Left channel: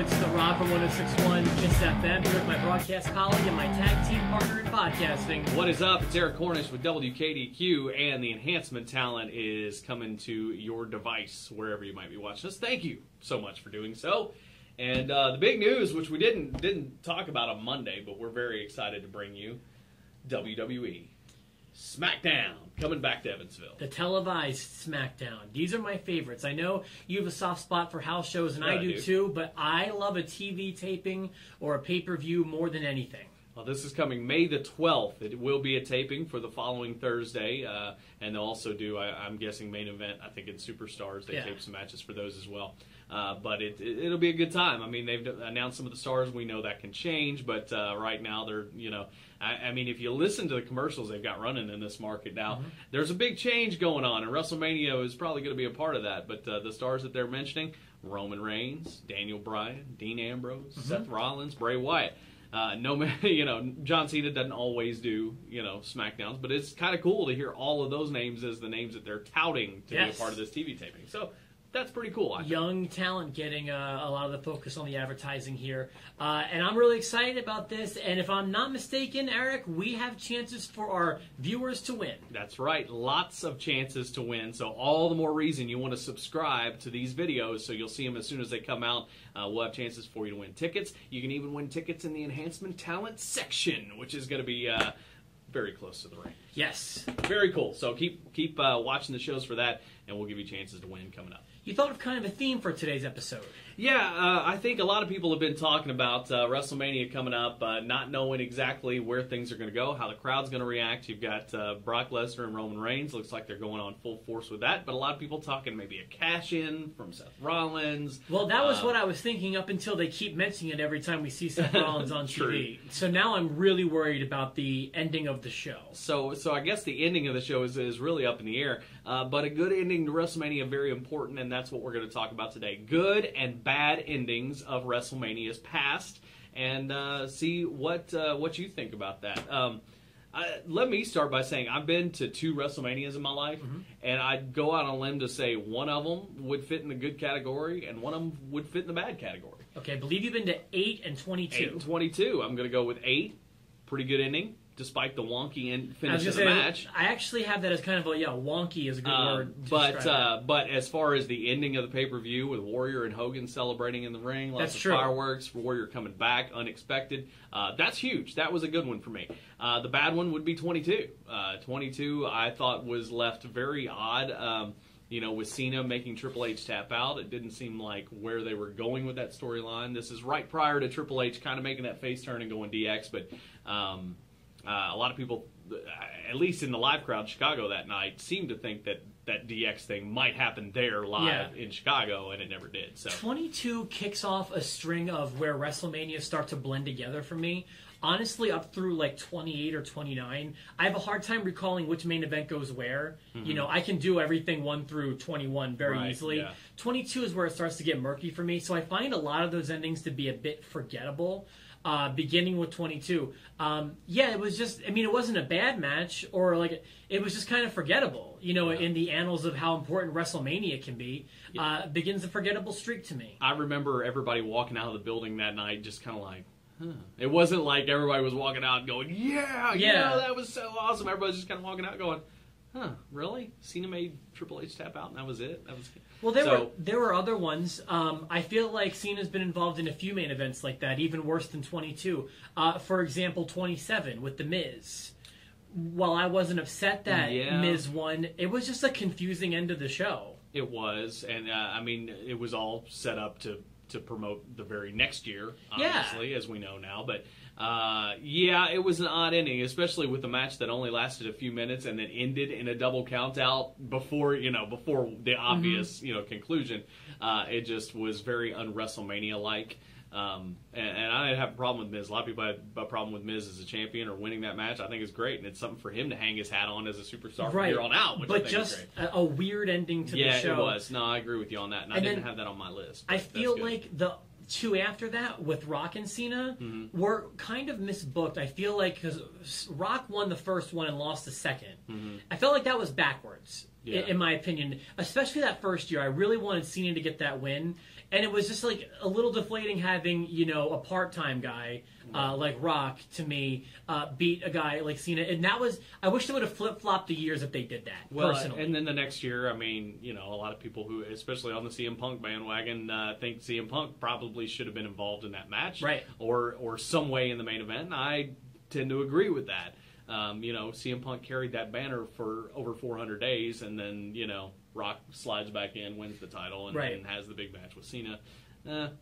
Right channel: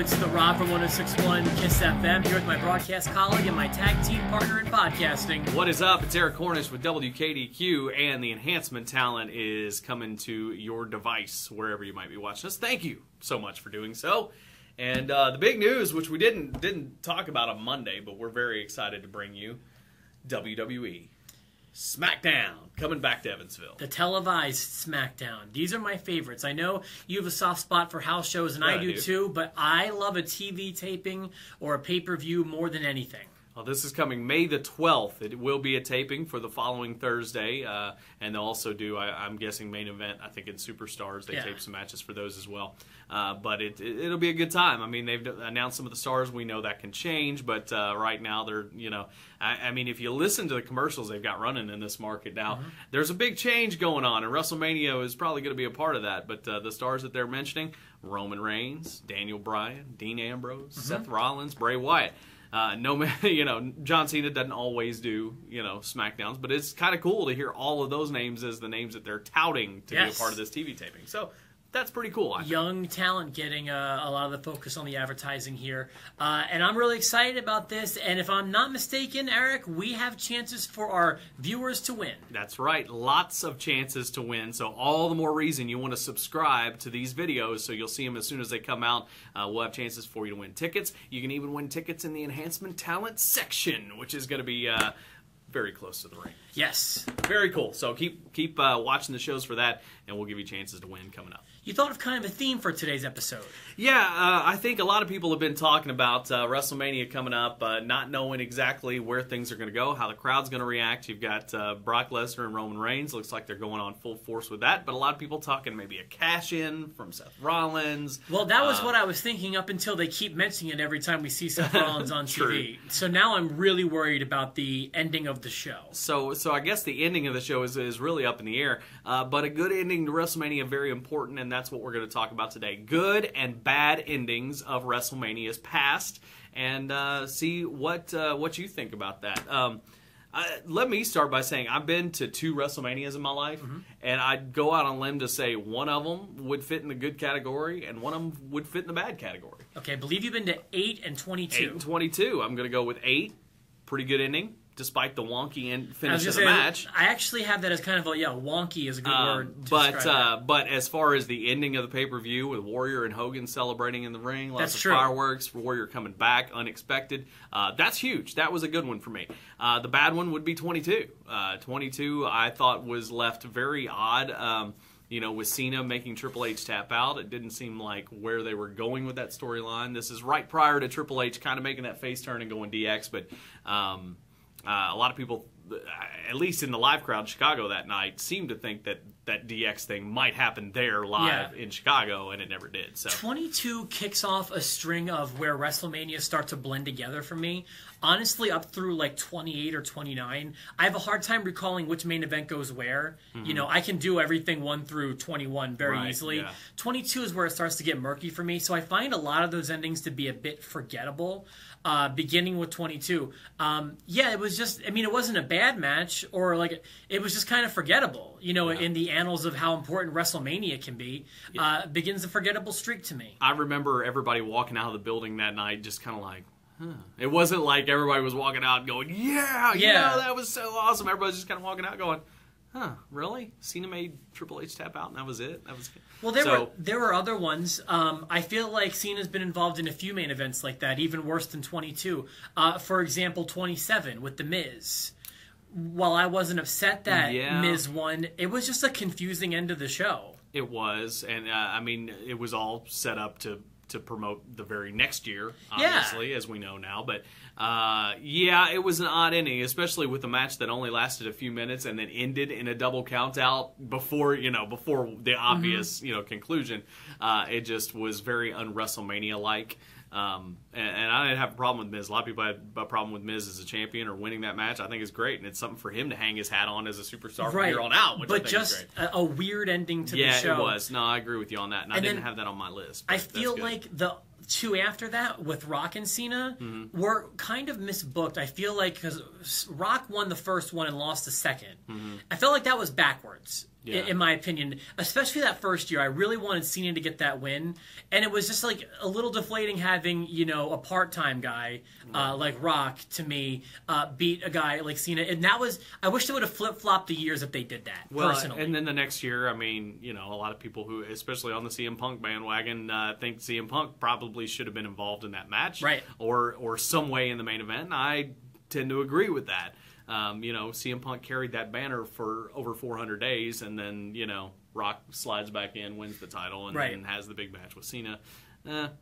It's The Rock from 106.1 KISS FM here with my broadcast colleague and my tag team partner in podcasting. What is up? It's Eric Cornish with WKDQ, and the Enhancement talent is coming to your device wherever you might be watching us. Thank you so much for doing so. And the big news, which we didn't talk about on Monday, but we're very excited to bring you, WWE SmackDown coming back to Evansville. The televised SmackDown. These are my favorites. I know you have a soft spot for house shows, and I do too, but I love a TV taping or a pay-per-view more than anything. Well, this is coming May the 12th. It will be a taping for the following Thursday, and they'll also do, I'm guessing, main event, I think, in Superstars. They tape some matches for those as well. But it'll be a good time. I mean, they've announced some of the stars. We know that can change, but right now they're, I mean, if you listen to the commercials they've got running in this market now, there's a big change going on, and Wrestlemania is probably going to be a part of that. But the stars that they're mentioning, Roman Reigns, Daniel Bryan, Dean Ambrose, Seth Rollins, Bray Wyatt. John Cena doesn't always do, SmackDowns, but it's kind of cool to hear all of those names as the names that they're touting to be a part of this TV taping. So that's pretty cool, I think. Young talent getting a lot of the focus on the advertising here. And I'm really excited about this. And if I'm not mistaken, Eric, we have chances for our viewers to win. That's right. Lots of chances to win. So all the more reason you want to subscribe to these videos so you'll see them as soon as they come out. We'll have chances for you to win tickets. You can even win tickets in the Enhancement Talent section, which is going to be very close to the ring. Yes. Very cool. So keep watching the shows for that, and we'll give you chances to win coming up. You thought of kind of a theme for today's episode. Yeah, I think a lot of people have been talking about WrestleMania coming up, not knowing exactly where things are going to go, how the crowd's going to react. You've got Brock Lesnar and Roman Reigns. Looks like they're going on full force with that. But a lot of people talking maybe a cash-in from Seth Rollins. Well, that was what I was thinking up until they keep mentioning it every time we see Seth Rollins on TV. So now I'm really worried about the ending of the show. So I guess the ending of the show is really up in the air. But a good ending to WrestleMania, very important, and that's what we're going to talk about today. Good and bad endings of WrestleMania's past, and see what you think about that. Let me start by saying I've been to 2 WrestleManias in my life, and I'd go out on a limb to say one of them would fit in the good category, and one of them would fit in the bad category. Okay, I believe you've been to 8 and 22. 8 and 22. I'm going to go with 8. Pretty good ending, despite the wonky finish of the match. I actually have that as kind of wonky is a good word to describe that. But as far as the ending of the pay-per-view with Warrior and Hogan celebrating in the ring, lots of fireworks, Warrior coming back, unexpected, that's huge. That was a good one for me. The bad one would be 22. 22 I thought was left very odd. With Cena making Triple H tap out, it didn't seem like where they were going with that storyline. This is right prior to Triple H kind of making that face turn and going DX, but a lot of people, at least in the live crowd in Chicago that night, seemed to think that DX thing might happen there live in Chicago, and it never did. So 22 kicks off a string of where WrestleMania start to blend together for me. Honestly, up through like 28 or 29, I have a hard time recalling which main event goes where. I can do everything 1 through 21 very easily. Yeah. 22 is where it starts to get murky for me, so I find a lot of those endings to be a bit forgettable. Beginning with 22. It was just, it wasn't a bad match, or it was just kind of forgettable, in the annals of how important WrestleMania can be. Begins a forgettable streak to me. I remember everybody walking out of the building that night just kind of like, It wasn't like everybody was walking out going, yeah, that was so awesome. Everybody was just kind of walking out going, really? Cena made Triple H tap out and that was it? That was good. Well, there were other ones. I feel like Cena's been involved in a few main events like that, even worse than 22. For example, 27 with The Miz. While I wasn't upset that Miz won, it was just a confusing end of the show. It was, and it was all set up to promote the very next year, obviously, as we know now. But it was an odd ending, especially with a match that only lasted a few minutes and then ended in a double count out before the obvious conclusion. It just was very un-WrestleMania like. And I didn't have a problem with Miz. A lot of people had a problem with Miz as a champion or winning that match. I think it's great, and it's something for him to hang his hat on as a superstar from here on out. But just a weird ending to the show. Yeah, it was. No, I agree with you on that, and I didn't have that on my list. I feel like the 2 after that with Rock and Cena were kind of misbooked. I feel like because Rock won the first one and lost the second. I felt like that was backwards. in my opinion. Especially that first year. I really wanted Cena to get that win. And it was just like a little deflating having, a part-time guy like Rock, to me, beat a guy like Cena. And that was, I wish they would have flip-flopped the years if they did that, personally. And then the next year, I mean, a lot of people who, especially on the CM Punk bandwagon, think CM Punk probably should have been involved in that match. Right. Or some way in the main event. And I tend to agree with that. CM Punk carried that banner for over 400 days, and then, Rock slides back in, wins the title, and then has the big match with Cena.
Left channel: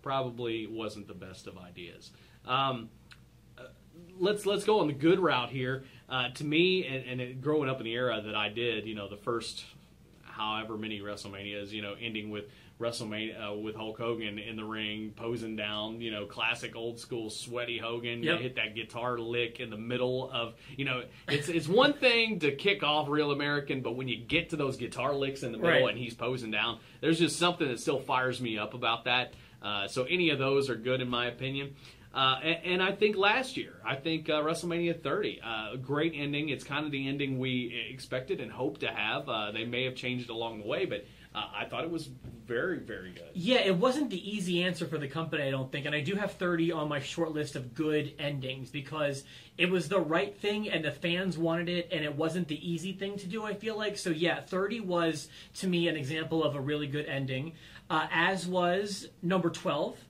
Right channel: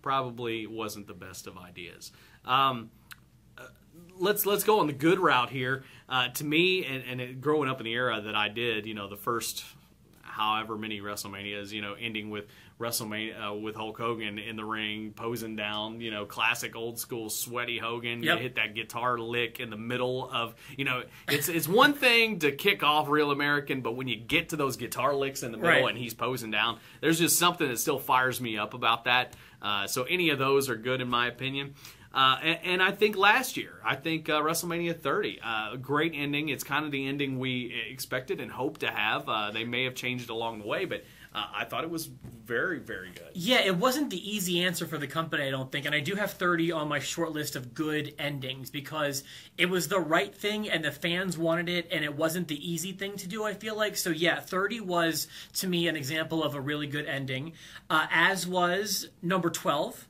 Probably wasn't the best of ideas. Let's go on the good route here. To me, and growing up in the era that I did, the first however many WrestleManias, ending with WrestleMania with Hulk Hogan in the ring, posing down, classic old school sweaty Hogan. Yep. You hit that guitar lick in the middle of, it's one thing to kick off Real American, but when you get to those guitar licks in the middle and he's posing down, there's just something that still fires me up about that. So any of those are good in my opinion. And I think last year, WrestleMania 30, a great ending. It's kind of the ending we expected and hoped to have. They may have changed along the way, but I thought it was very, very good. Yeah, it wasn't the easy answer for the company, I don't think. And I do have 30 on my short list of good endings because it was the right thing and the fans wanted it, and it wasn't the easy thing to do, I feel like. So, yeah, 30 was, to me, an example of a really good ending, as was number 12.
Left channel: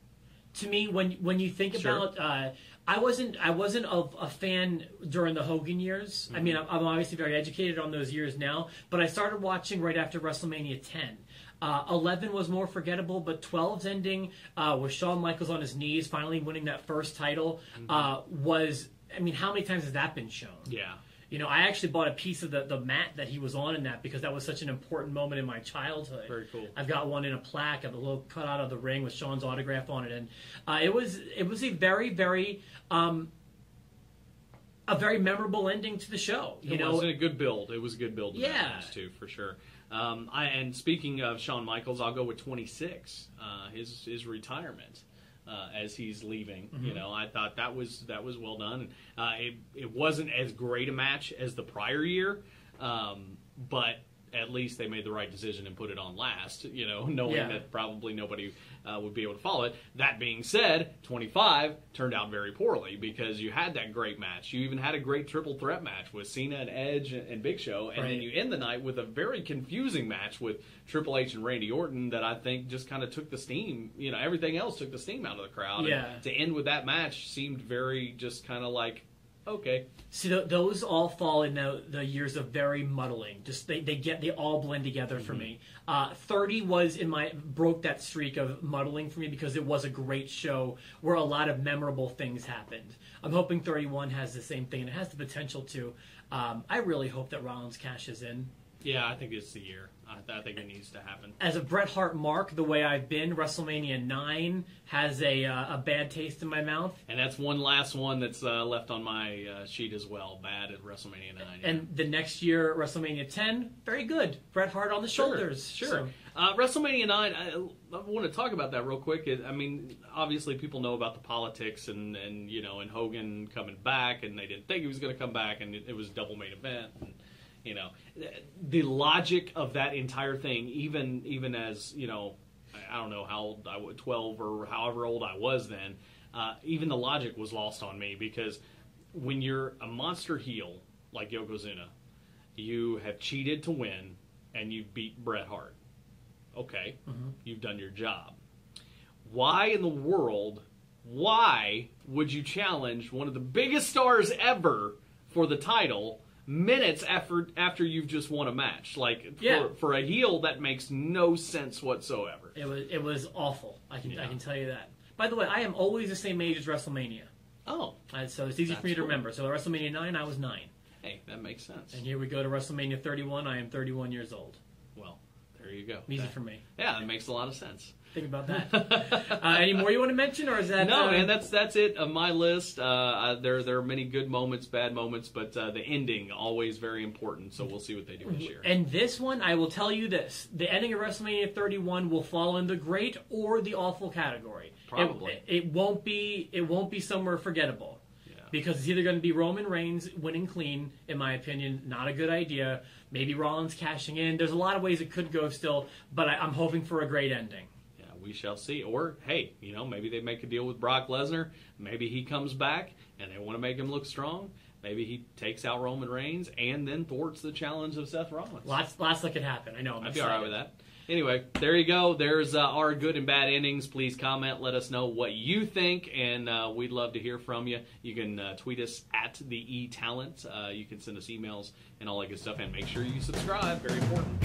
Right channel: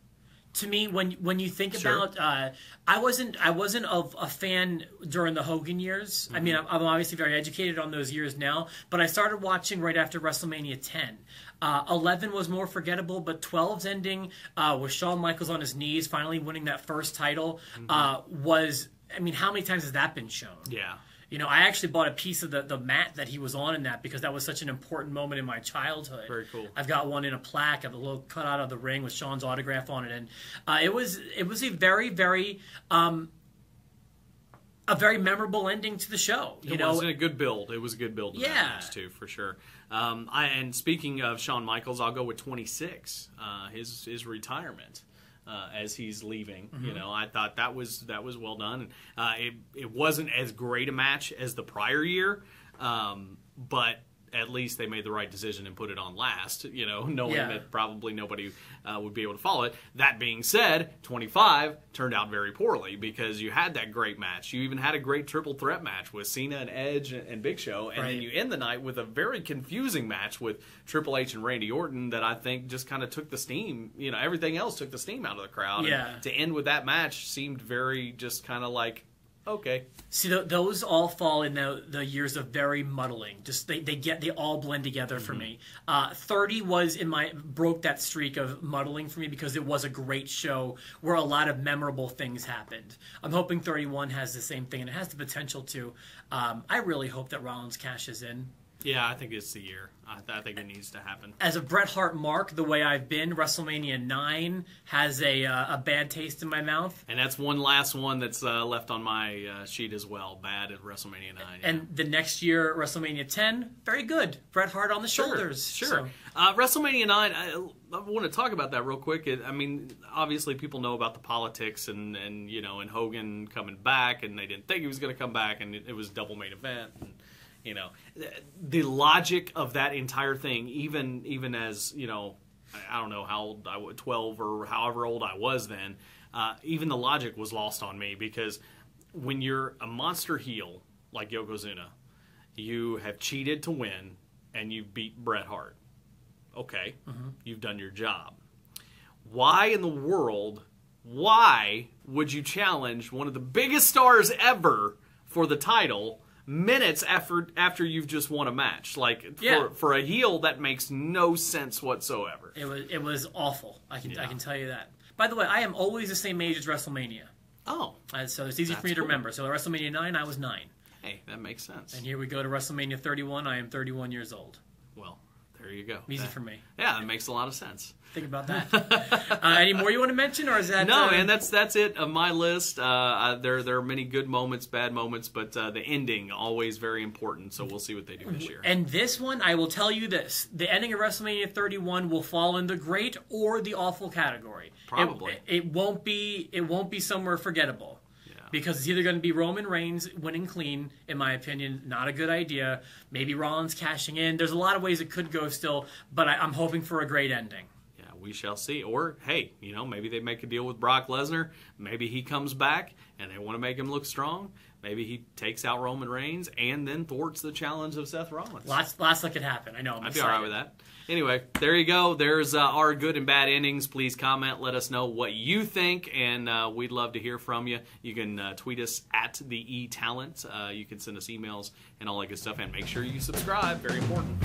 To me, when you think about, I wasn't a fan during the Hogan years. Mm-hmm. I mean, I'm obviously very educated on those years now, but I started watching right after WrestleMania 10. 11 was more forgettable, but 12's ending with Shawn Michaels on his knees, finally winning that first title, was, I mean, how many times has that been shown? Yeah. I actually bought a piece of the mat that he was on in that because that was such an important moment in my childhood. Very cool. I've got one in a plaque. I have a little cutout of the ring with Sean's autograph on it, and it was a very, very a very memorable ending to the show. It was a good build. It was a good build to that match too, for sure. And speaking of Shawn Michaels, I'll go with 26. His retirement. As he's leaving, I thought that was well done. It wasn't as great a match as the prior year, but at least they made the right decision and put it on last. Knowing that probably nobody would be able to follow it. That being said, 25 turned out very poorly because you had that great match. You even had a great triple threat match with Cena and Edge and Big Show, and then you end the night with a very confusing match with Triple H and Randy Orton that I think just kind of took the steam. Everything else took the steam out of the crowd. Yeah. And to end with that match seemed very just kind of like, okay. See, those all fall in the years of very muddling. Just they all blend together for me. 30 broke that streak of muddling for me because it was a great show where a lot of memorable things happened. I'm hoping 31 has the same thing, and it has the potential to. I really hope that Rollins cashes in. Yeah, I think it's the year. I think it needs to happen. As a Bret Hart mark, the way I've been, WrestleMania 9 has a bad taste in my mouth. And that's one last one that's left on my sheet as well. Bad at WrestleMania 9. Yeah. And the next year, WrestleMania 10, very good. Bret Hart on the shoulders. Sure. So. WrestleMania 9, I want to talk about that real quick. I mean, obviously people know about the politics and Hogan coming back, and they didn't think he was going to come back, and it was a double main event. And, the logic of that entire thing, even as, I don't know how old I was, 12 or however old I was then, even the logic was lost on me because when you're a monster heel like Yokozuna, you have cheated to win and you beat Bret Hart. Okay, you've done your job. Why in the world, would you challenge one of the biggest stars ever for the title minutes after you've just won a match? For a heel, that makes no sense whatsoever. It was awful. I can tell you that. By the way, I am always the same age as WrestleMania. Oh, so it's easy for me to remember. So at WrestleMania 9, I was 9. Hey, that makes sense. And here we go to WrestleMania 31. I am 31 years old. Well, there you go. Easy for me. Yeah, that makes a lot of sense. Think about that. Any more you want to mention, or is that no? Man, that's it of my list. There are many good moments, bad moments, but the ending always very important. So we'll see what they do this year. And this one, I will tell you this: the ending of WrestleMania 31 will fall in the great or the awful category. Probably it won't be somewhere forgettable. Because it's either going to be Roman Reigns winning clean, in my opinion, not a good idea. Maybe Rollins cashing in. There's a lot of ways it could go still, but I'm hoping for a great ending. Yeah, we shall see. Or, hey, maybe they make a deal with Brock Lesnar. Maybe he comes back and they want to make him look strong. Maybe he takes out Roman Reigns and then thwarts the challenge of Seth Rollins. Lots that could happen. I know. I'm excited. I'd be all right with that. Anyway, there you go. There's our good and bad endings. Please comment. Let us know what you think, and we'd love to hear from you. You can tweet us at the eTalent. You can send us emails and all that good stuff, and make sure you subscribe. Very important.